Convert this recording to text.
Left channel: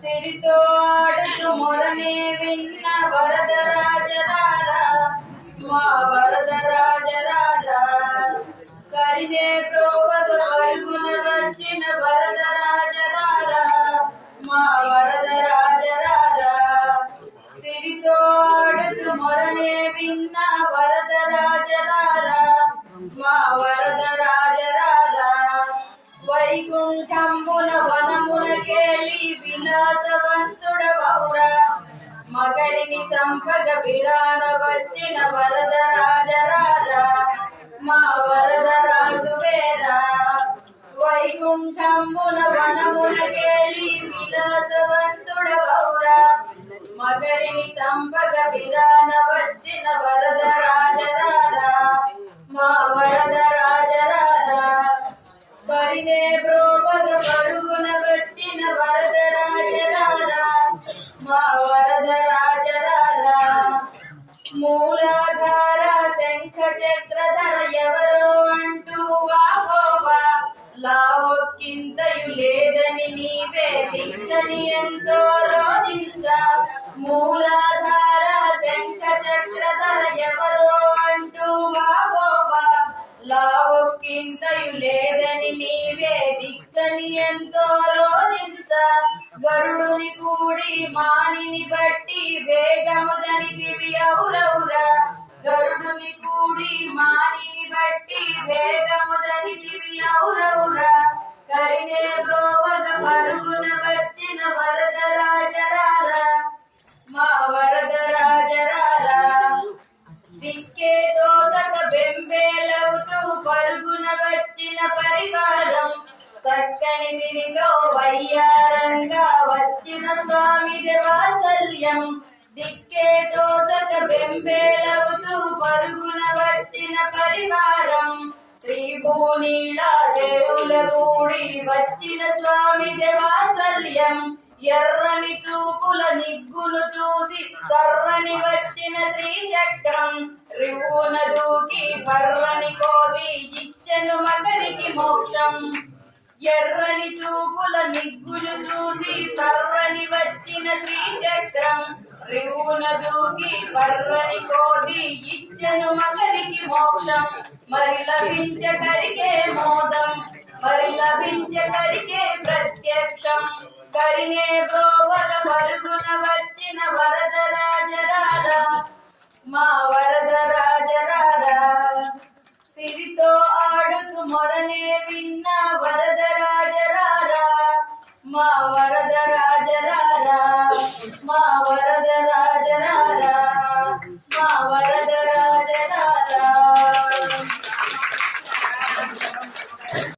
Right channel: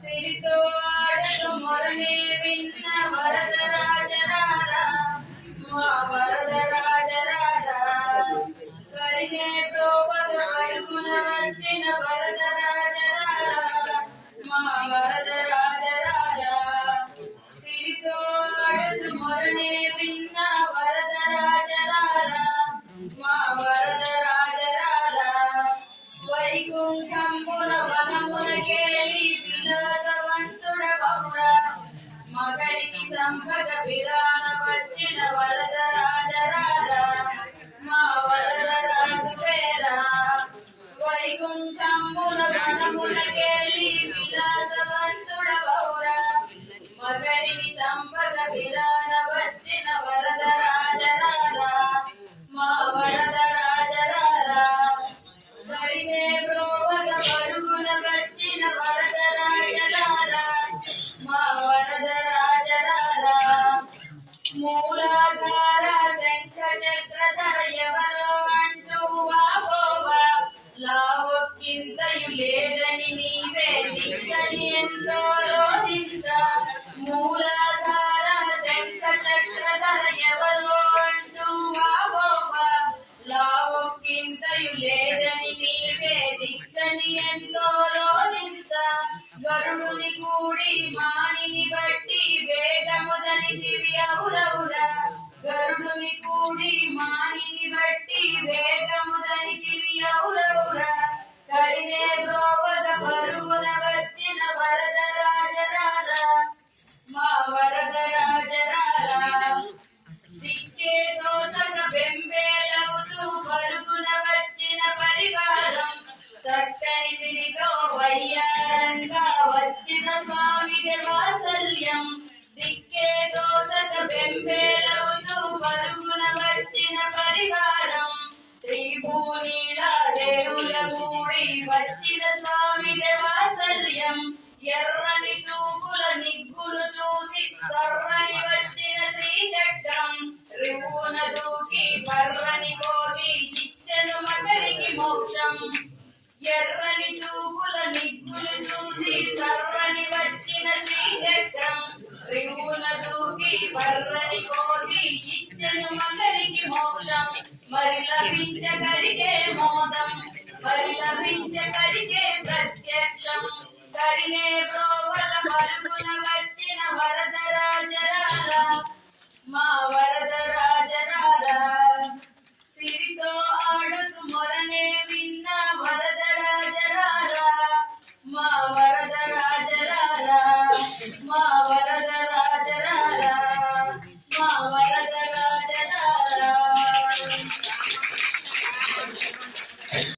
సిరితో ఆడుతూ మొరనే విన్న వరదరాజరారా మా వరదరాజరాజా కరిగే ప్రోవద పరుగున వచ్చిన వరదరాజరారా మా వరదరాజరాజా సిరితో ఆడుతూ మొరనే విన్న వరదరాజరారా మా వరదరాజరాజా వైకుంఠంబున వనమునకేళి విలాసవంతుడవౌరా మగరిని చంపగ విరాన వచ్చిన వరదరాజరాజా మా వరదరాజువేరా వైకుంఠంబున వనమునకేళి విలాసవంతుడవౌరా మగరిని చంపగ విరాన వచ్చిన వరదరాజరాజా మా వరదరాజరాజా పరినే ప్రోపగ పరుగున వచ్చిన వరదరాజరాజా మా వరదరాజరాజా మూలాధార శంఖ చక్రధర ఎవరో అంటూ వాపోవా లావొక్కింతయు లేదని నీవే దిక్కని ఎంతో రోధించ మూలాధార శంఖ చక్రధర ఎవరో అంటూ వాపోవా లావొక్కింతయు లేదని నీవే దిక్కని ఎంతో రోధించ గరుడుని కూడి మానిని బట్టి వేగముదని దివ్యౌరౌరా గరుడుని కూడి మానిని బట్టి వేగముదని దివ్యౌరౌరా కరినే ప్రోవగ పరుగున వచ్చిన వరదరాజరారా మా వరదరాజరారా దిక్కే తోటక బెంబేలవుతూ పరుగున వచ్చిన పరివారం చక్కని దిరిలో వయ్యారంగా వచ్చిన స్వామి వాత్సల్యం దిక్కే తోటక బెంబేలవుతూ పరుగున వచ్చిన పరివారం శ్రీభూనీళ దేవుల కూడి వచ్చిన స్వామి వాత్సల్యం ఎర్రని చూపుల నిగ్గును చూసి సర్రని వచ్చిన శ్రీచక్రం రివున దూకి పర్రని కోసి ఇచ్చెను మగరికి మోక్షం ఎర్రని చూపుల నిగ్గును చూసి సర్రని వచ్చిన శ్రీచక్రం రివున దూకి పర్రని కోసి ఇచ్చెను మగరికి మోక్షం మరి లభించగరిగే మోదం మరి లభించగరిగే ప్రత్యక్షం కరినే ప్రోవద పరుగున వచ్చిన వరదర